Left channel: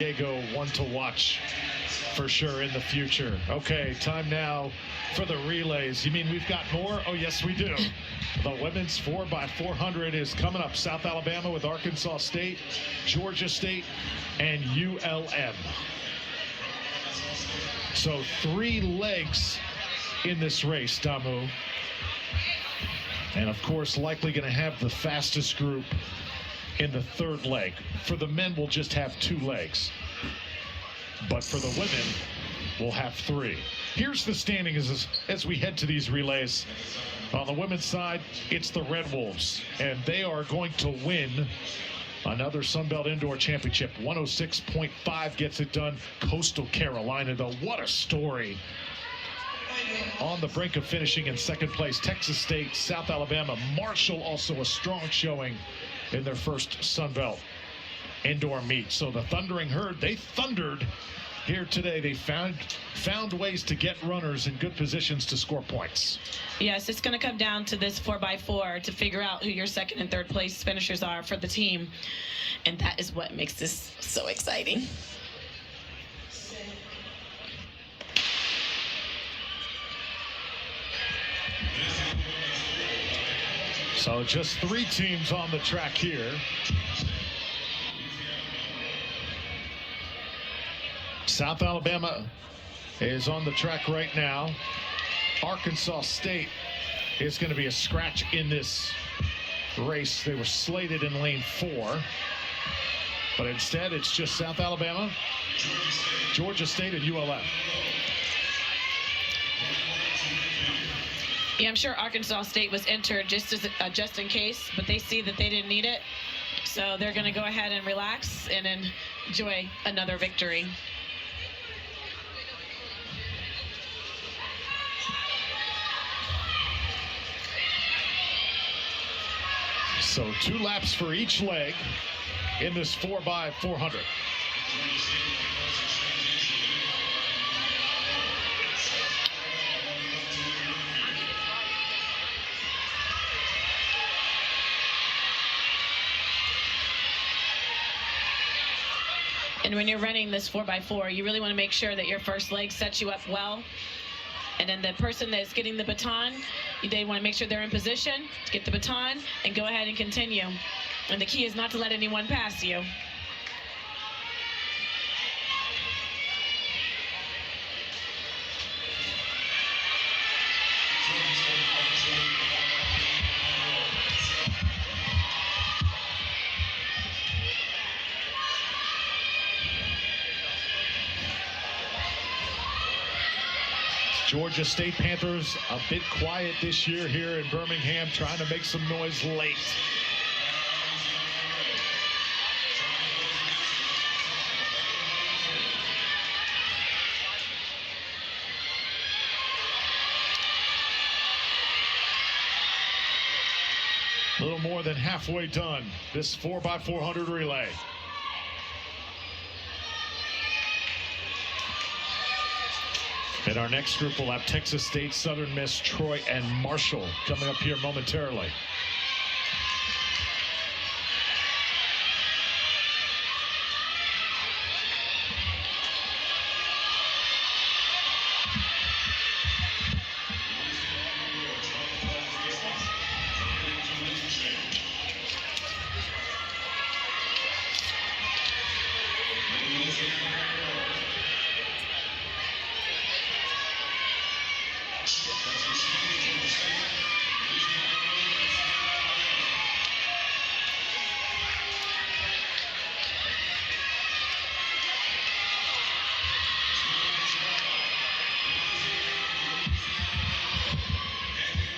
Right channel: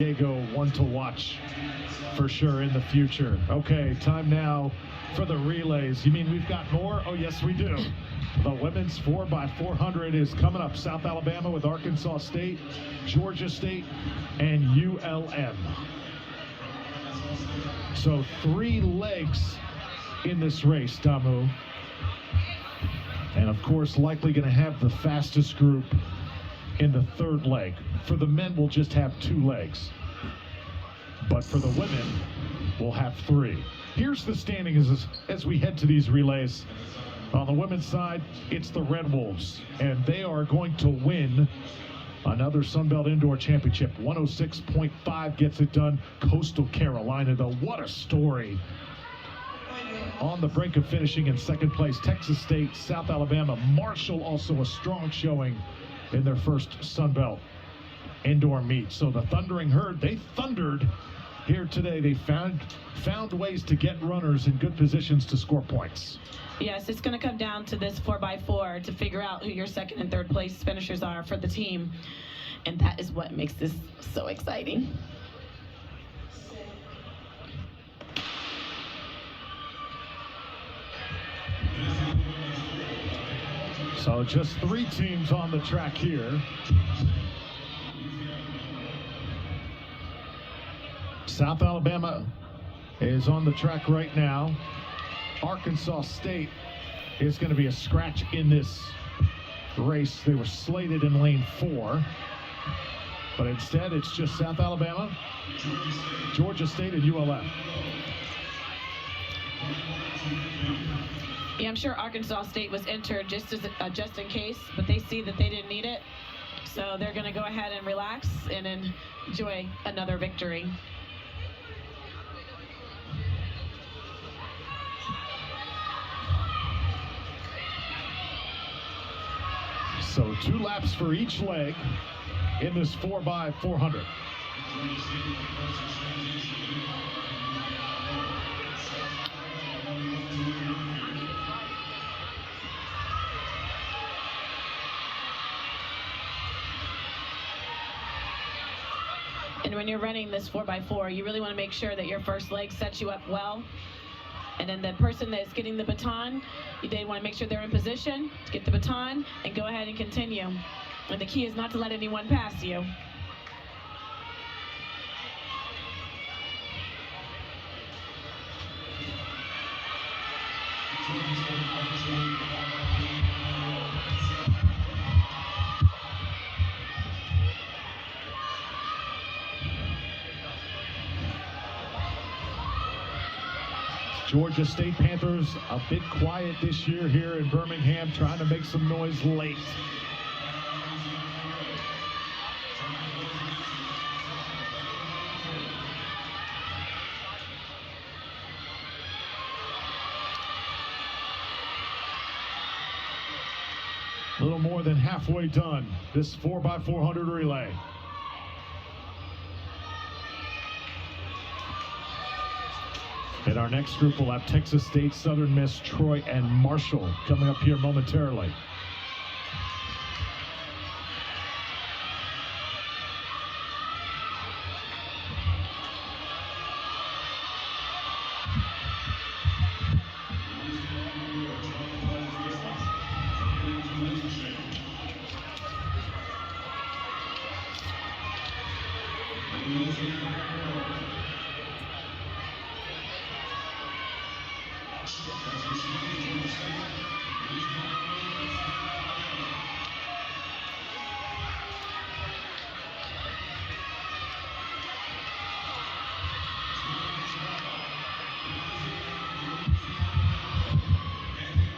Diego, one to watch for sure in the future. Okay, time now for the relays. You mean we've got more? Oh, yes, we do. The women's 4x400 is coming up. South Alabama with Arkansas State, Georgia State, and ULM. So 3 legs in this race, Damu. And of course, likely going to have the fastest group in the 3rd leg. For the men, we'll just have 2 legs. But for the women, we'll have 3. Here's the standing as we head to these relays. On the women's side, it's the Red Wolves, and they are going to win another Sunbelt Indoor Championship. 106.5 gets it done. Coastal Carolina, though, what a story. On the brink of finishing in 2nd place, Texas State, South Alabama. Marshall also a strong showing in their first Sunbelt indoor meet. So the Thundering Herd, they thundered here today. They found ways to get runners in good positions to score points. Yes, it's going to come down to this 4x4 to figure out who your 2nd and 3rd place finishers are for the team. And that is what makes this so exciting. So just 3 teams on the track here. South Alabama is on the track right now. Arkansas State is going to be a scratch in this race. They were slated in lane 4. But instead, it's just South Alabama, Georgia State, and ULM. Yeah, I'm sure Arkansas State was entered just in case, but they see that they didn't need it. So they're going to go ahead and relax and enjoy another victory. So 2 laps for each leg in this 4x400. And when you're running this 4x4, you really want to make sure that your first leg sets you up well. And then the person that's getting the baton, they want to make sure they're in position to get the baton and go ahead and continue. And the key is not to let anyone pass you. Georgia State Panthers a bit quiet this year here in Birmingham, trying to make some noise late. A little more than halfway done, this 4x400 relay. In our next group, we'll have Texas State, Southern Miss, Troy, and Marshall coming up here momentarily.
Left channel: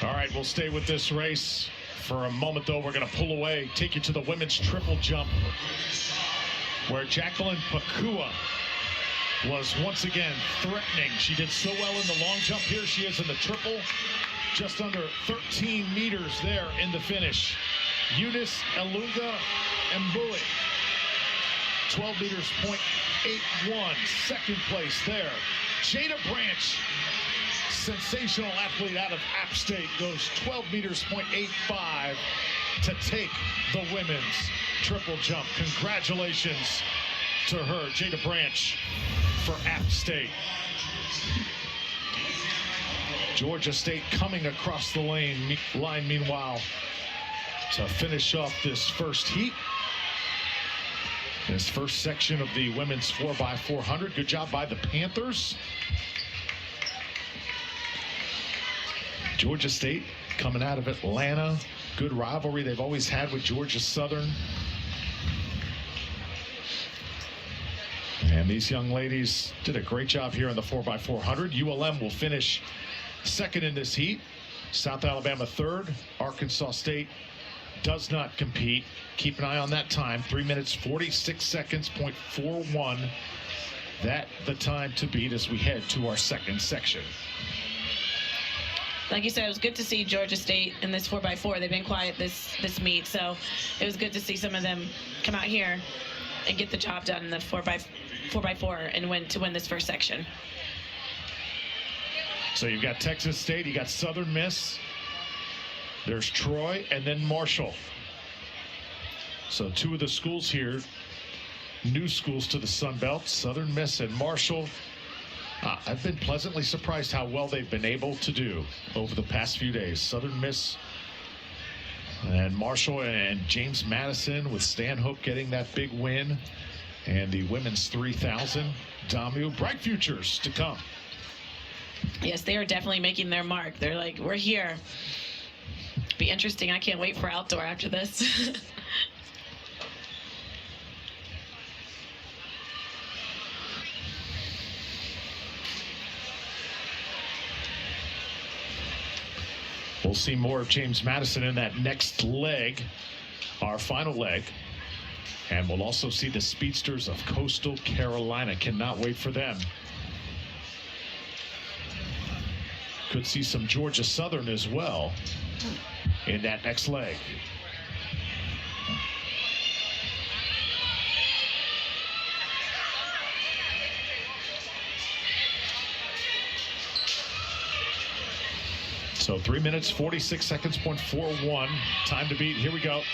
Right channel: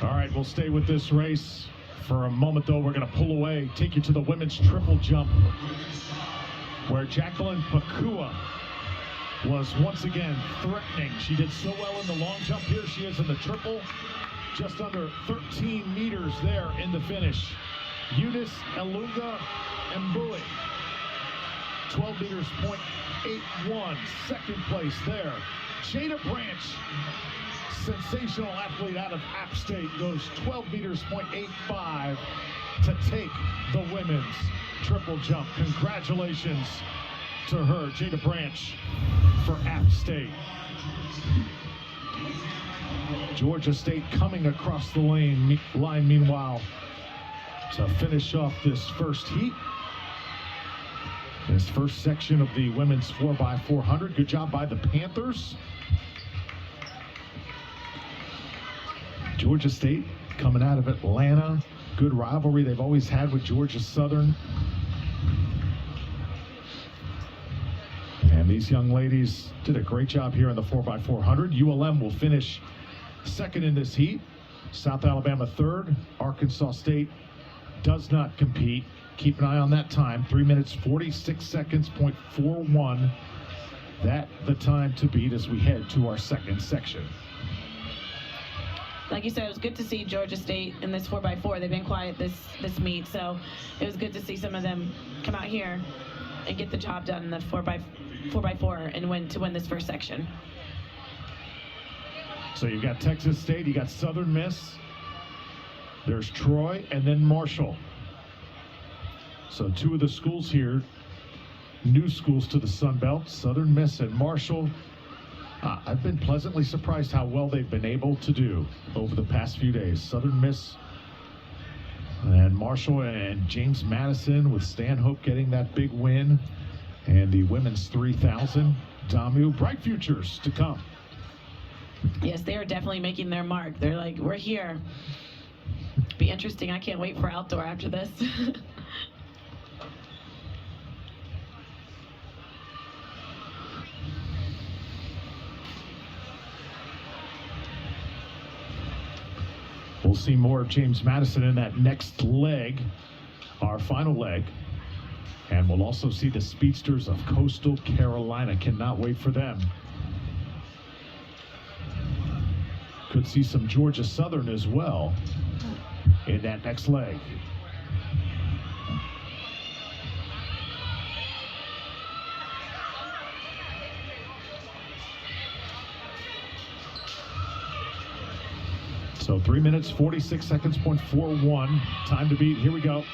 All right, we'll stay with this race for a moment, though. We're going to pull away, take you to the women's triple jump, where Jacqueline Pakua was once again threatening. She did so well in the long jump. Here she is in the triple, just under 13 meters there in the finish. Eunice Elunga Mbui, 12 meters, .81, 2nd place there. Jada Branch, sensational athlete out of App State, goes 12 meters, .85 to take the women's triple jump. Congratulations to her, Jada Branch for App State. Georgia State coming across the line meanwhile to finish off this first heat. This first section of the women's 4x400. Good job by the Panthers. Georgia State coming out of Atlanta. Good rivalry they've always had with Georgia Southern. And these young ladies did a great job here in the 4x400. ULM will finish second in this heat. South Alabama third. Arkansas State does not compete. Keep an eye on that time. 3 minutes, 46 seconds, .41. That the time to beat as we head to our second section. Like you said, it was good to see Georgia State in this 4x4. They've been quiet this meet, so it was good to see some of them come out here and get the job done in the 4x4 and win this first section. So you've got Texas State, you got Southern Miss, there's Troy, and then Marshall. So two of the schools here, new schools to the Sun Belt, Southern Miss and Marshall. I've been pleasantly surprised how well they've been able to do over the past few days. Southern Miss and Marshall and James Madison with Stanhope getting that big win. And the women's 3,000, Damu, bright futures to come. Yes, they are definitely making their mark. They're like, we're here. Be interesting. I can't wait for outdoor after this. We'll see more of James Madison in that next leg, our final leg. And we'll also see the speedsters of Coastal Carolina. Cannot wait for them. Could see some Georgia Southern as well in that next leg. So 3 minutes, 46 seconds, .41. Time to beat. Here we go.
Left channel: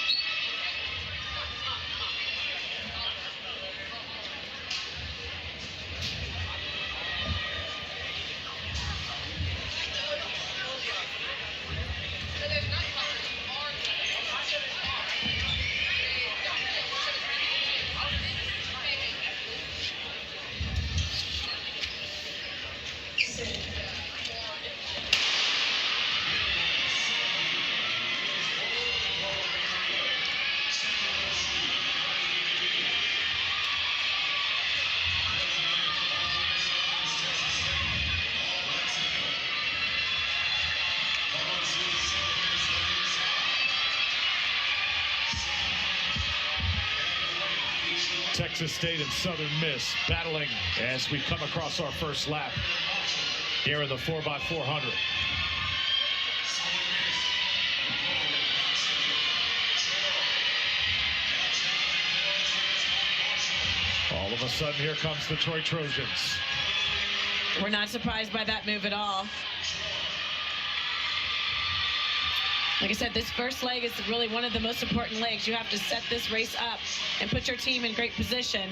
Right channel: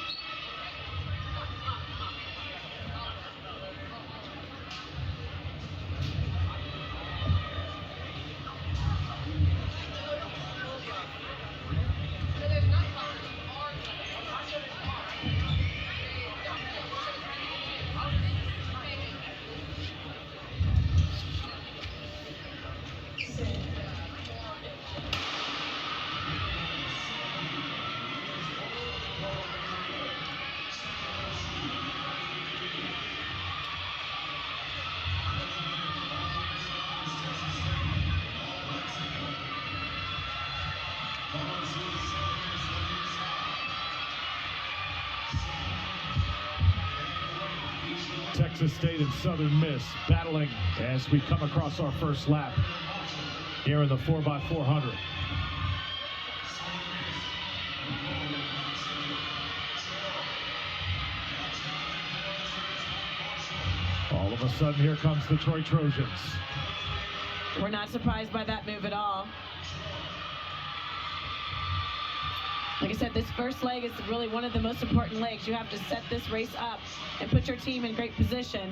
Texas State and Southern Miss battling as we come across our first lap here in the 4x400. All of a sudden, here comes the Troy Trojans. We're not surprised by that move at all. Like I said, this first leg is really one of the most important legs. You have to set this race up and put your team in great position.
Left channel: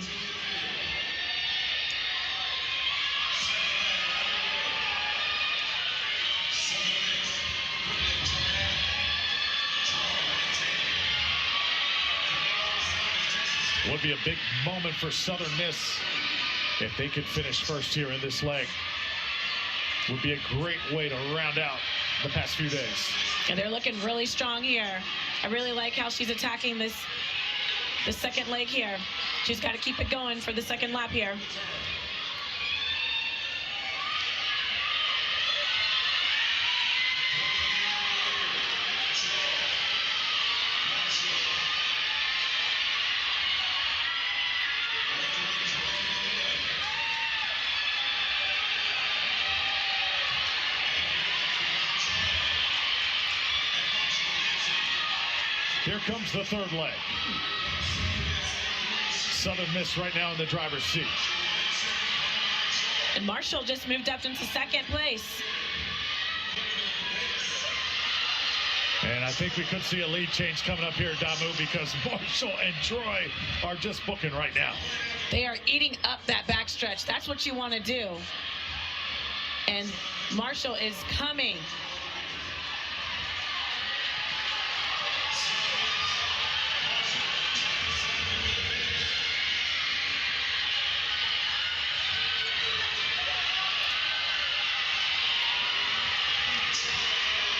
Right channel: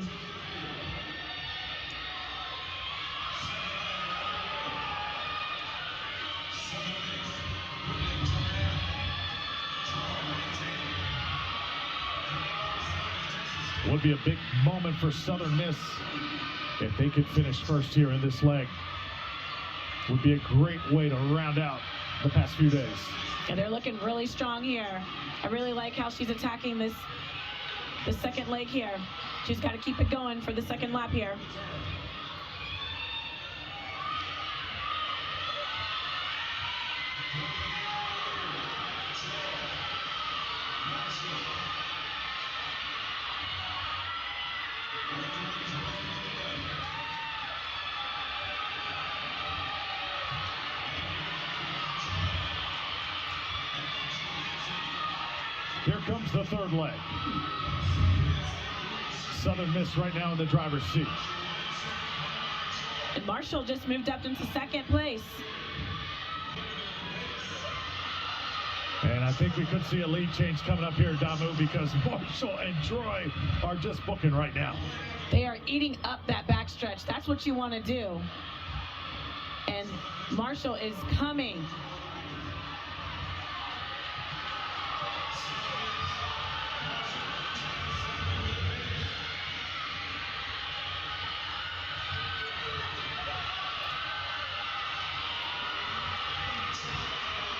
Would be a big moment for Southern Miss if they could finish first here in this leg. Would be a great way to round out the past few days. And they're looking really strong here. I really like how she's attacking the second leg here. She's got to keep it going for the second lap here. Here comes the third leg. Southern Miss right now in the driver's seat. And Marshall just moved up into second place. And I think we could see a lead change coming up here, Damu, because Marshall and Troy are just booking right now. They are eating up that backstretch. That's what you want to do. And Marshall is coming.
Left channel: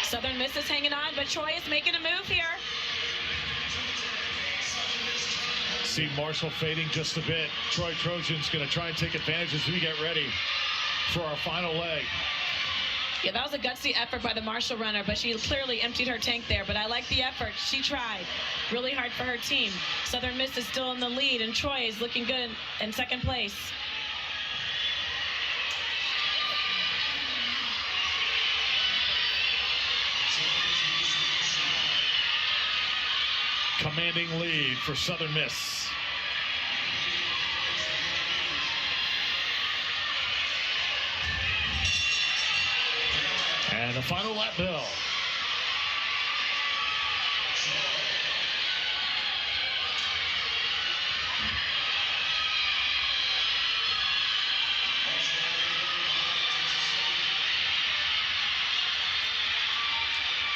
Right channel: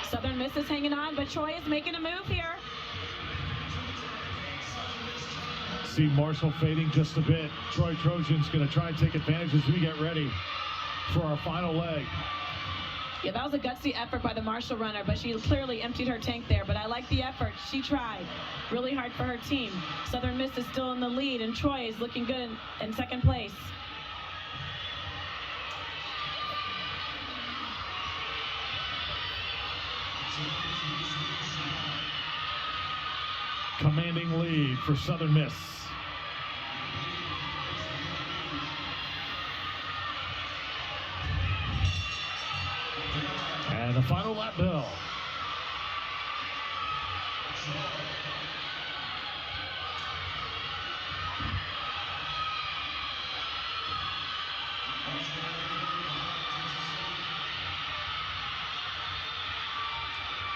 Southern Miss is hanging on, but Troy is making a move here. See Marshall fading just a bit. Troy Trojan's going to try and take advantage as we get ready for our final leg. Yeah, that was a gutsy effort by the Marshall runner, but she clearly emptied her tank there. But I like the effort. She tried really hard for her team. Southern Miss is still in the lead, and Troy is looking good in second place. Commanding lead for Southern Miss. And the final lap bell.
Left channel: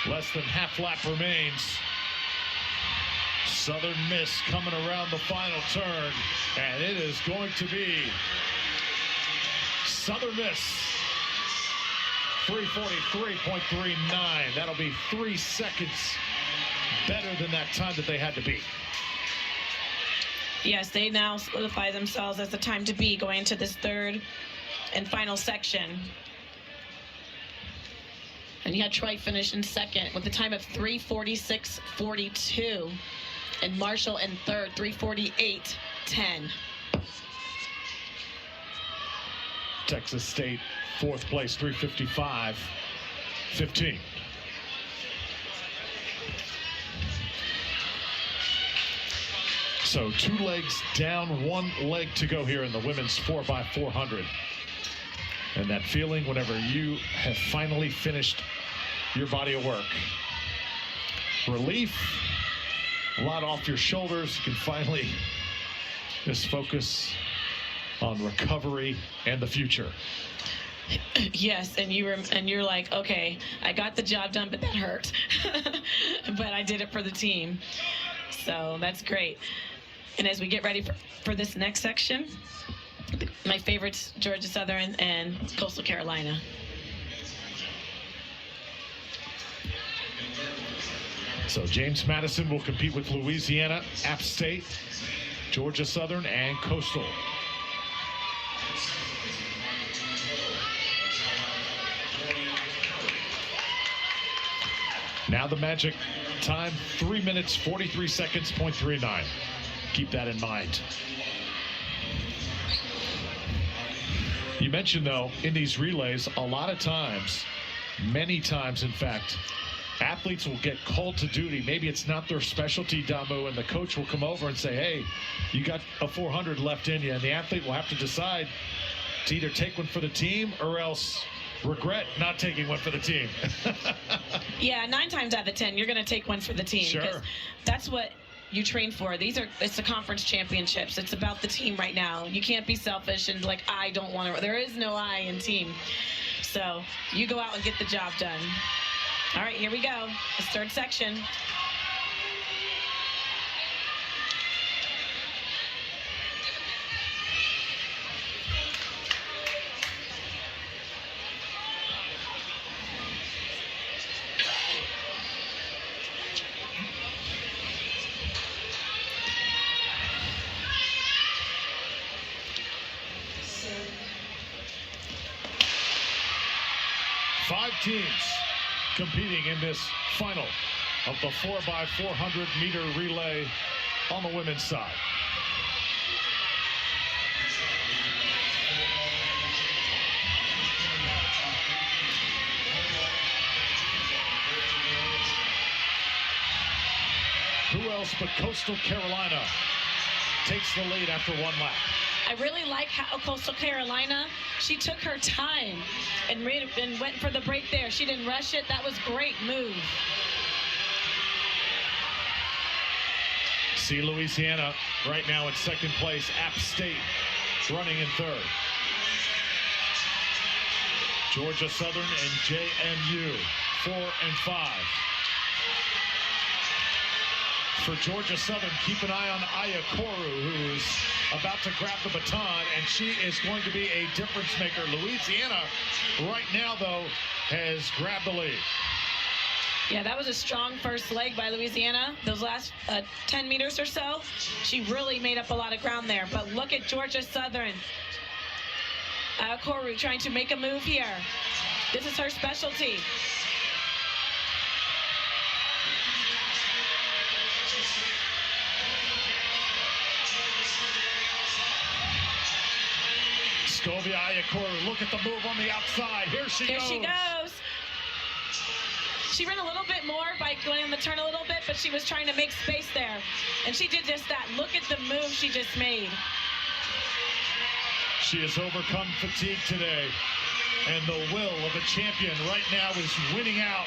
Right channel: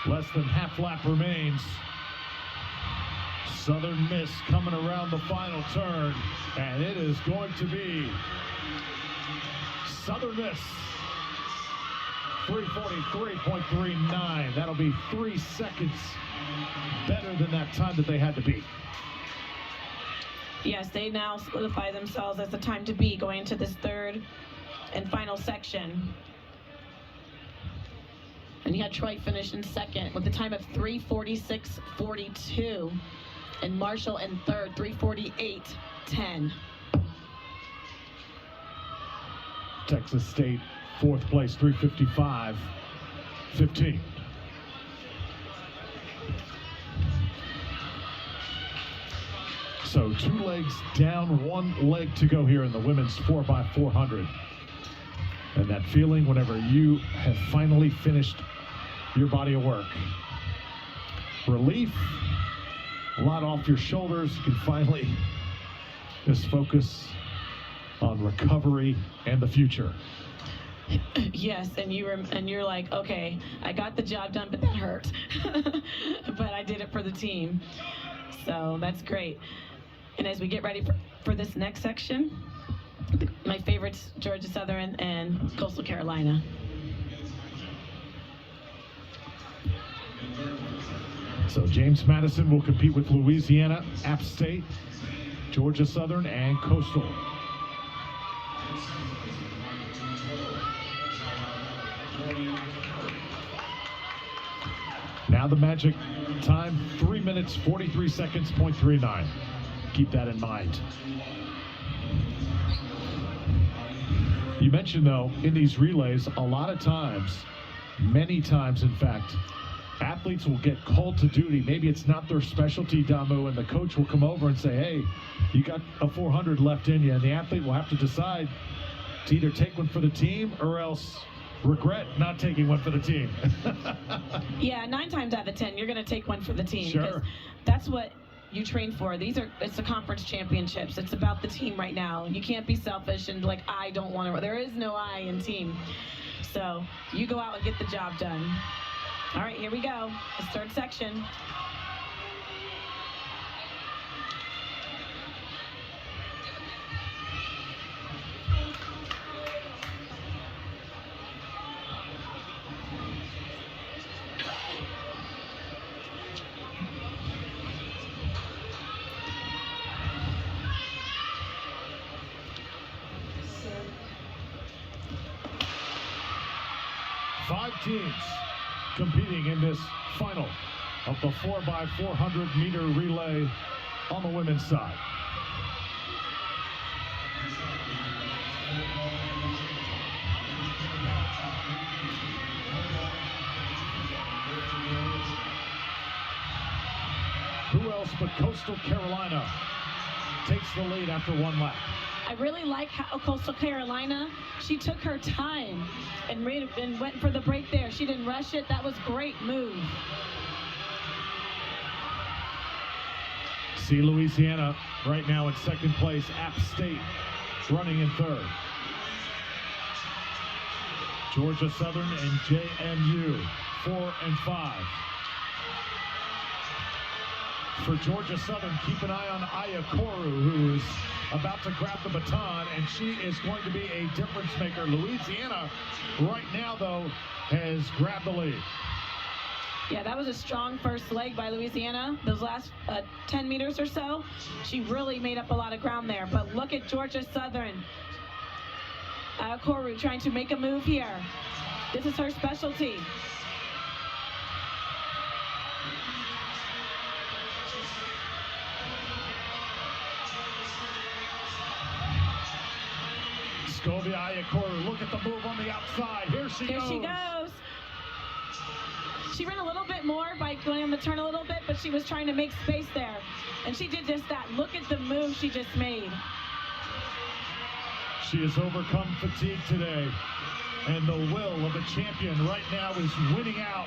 Less than half lap remains. Southern Miss coming around the final turn, and it is going to be Southern Miss 3:43.39. That'll be 3 seconds better than that time that they had to beat. Yes, they now solidify themselves as the time to beat going into this third and final section. And you had Troy finish in second with a time of 3:46.42. And Marshall in third, 3:48.10. Texas State, fourth place, 3:55.15. So 2 legs down, 1 leg to go here in the women's 4x400. And that feeling whenever you have finally finished your body of work. Relief, a lot off your shoulders. You can finally just focus on recovery and the future. Yes, and you're like, okay, I got the job done, but that hurt. But I did it for the team. So that's great. And as we get ready for this next section, my favorites, Georgia Southern and Coastal Carolina. So James Madison will compete with Louisiana, App State, Georgia Southern, and Coastal. Now the magic time, 3 minutes, 43 seconds, .39. Keep that in mind. You mentioned, though, in these relays, a lot of times, many times, in fact, athletes will get called to duty. Maybe it's not their specialty, Damu, and the coach will come over and say, hey, you got a 400 left in you, and the athlete will have to decide to either take one for the team or else regret not taking one for the team. Yeah, 9 times out of 10, you're going to take one for the team. Sure. That's what you train for. It's the conference championships. It's about the team right now. You can't be selfish and like, I don't want to. There is no I in team. So you go out and get the job done. All right, here we go. This third section. Five teams competing in this final of the 4x400-meter relay on the women's side. Who else but Coastal Carolina takes the lead after 1 lap? I really like how Coastal Carolina, she took her time and went for the break there. She didn't rush it. That was a great move. see Louisiana right now in second place. App State running in third. Georgia Southern and JMU 4 and 5. For Georgia Southern, keep an eye on Aya Koru, who is about to grab the baton, and she is going to be a difference maker. Louisiana right now, though, has grabbed the lead. Yeah, that was a strong first leg by Louisiana. Those last 10 meters or so, she really made up a lot of ground there. But look at Georgia Southern. Koru trying to make a move here. This is her specialty. Scovia Ayakoru, look at the move on the outside. Here she goes. She ran a little bit more by going on the turn a little bit, but she was trying to make space there. And she did just that. Look at the move she just made. She has overcome fatigue today. And the will of a champion right now is winning out.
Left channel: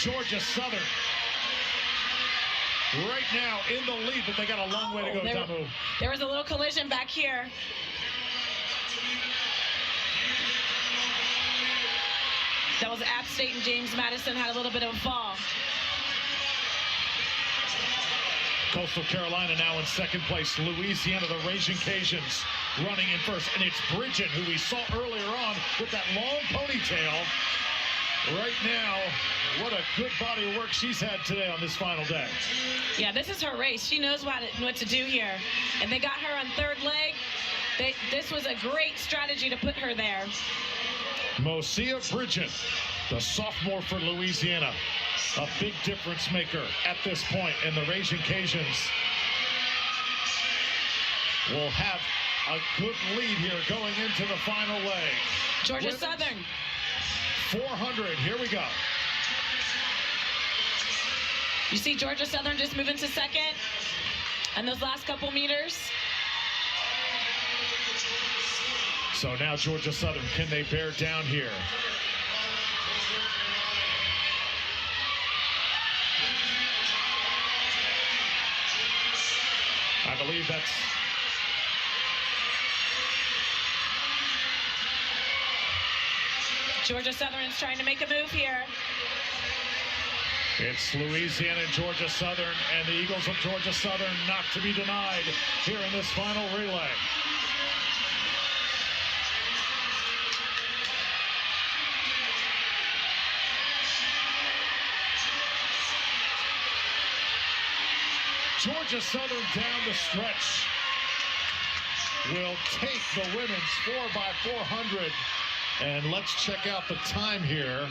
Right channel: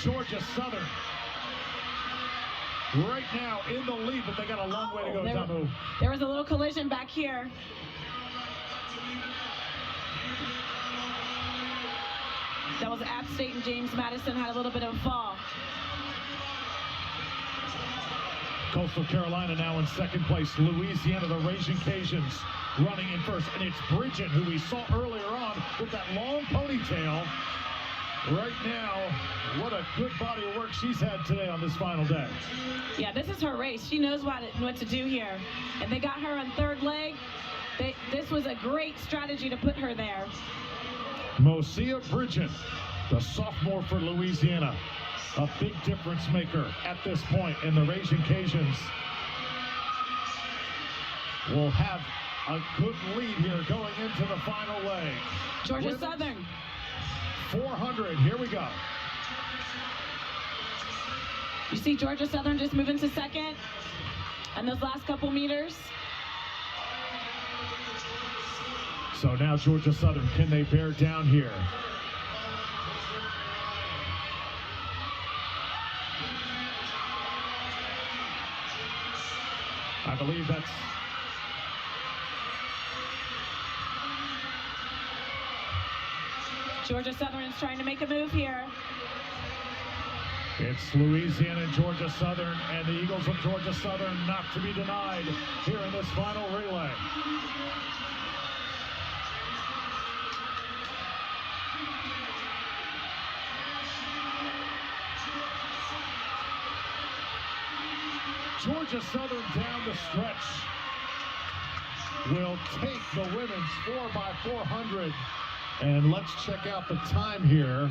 Georgia Southern right now in the lead, but they got a long way to go, Damu. There was a little collision back here. That was App State, and James Madison had a little bit of a fall. Coastal Carolina now in second place. Louisiana, the Raging Cajuns, running in first. And it's Bridget, who we saw earlier on with that long ponytail. Right now, what a good body of work she's had today on this final day. Yeah, this is her race. She knows what to do here. And they got her on third leg. This was a great strategy to put her there. Mosia Bridget, the sophomore for Louisiana, a big difference maker at this point, and the Raging Cajuns will have a good lead here going into the final leg. Georgia Southern. 400, here we go. You see Georgia Southern just moving to second, and those last couple meters. So now Georgia Southern, can they bear down here? I believe that's Georgia Southern is trying to make a move here. It's Louisiana and Georgia Southern, and the Eagles of Georgia Southern not to be denied here in this final relay. Georgia Southern down the stretch will take the women's 4x400. And let's check out the time here.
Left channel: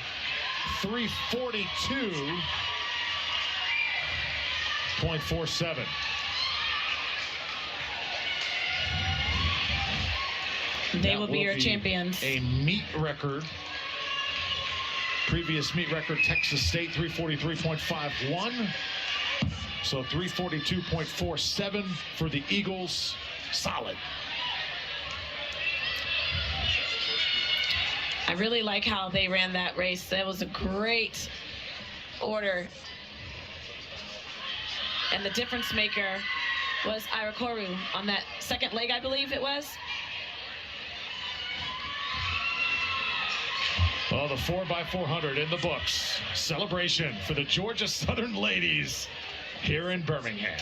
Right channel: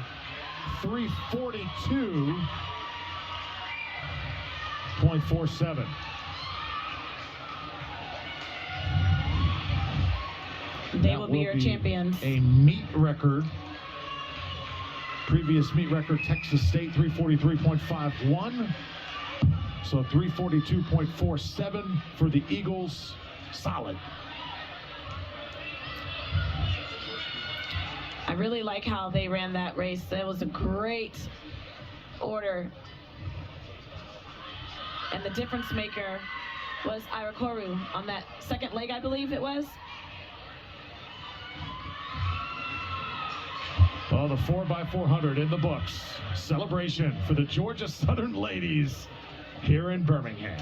3:42.47. They will be your champions. A meet record. Previous meet record, Texas State, 3:43.51. So 3:42.47 for the Eagles. Solid. I really like how they ran that race. That was a great order. And the difference maker was Ira Koru on that second leg, I believe it was. Well, the 4x400 in the books. Celebration for the Georgia Southern ladies here in Birmingham.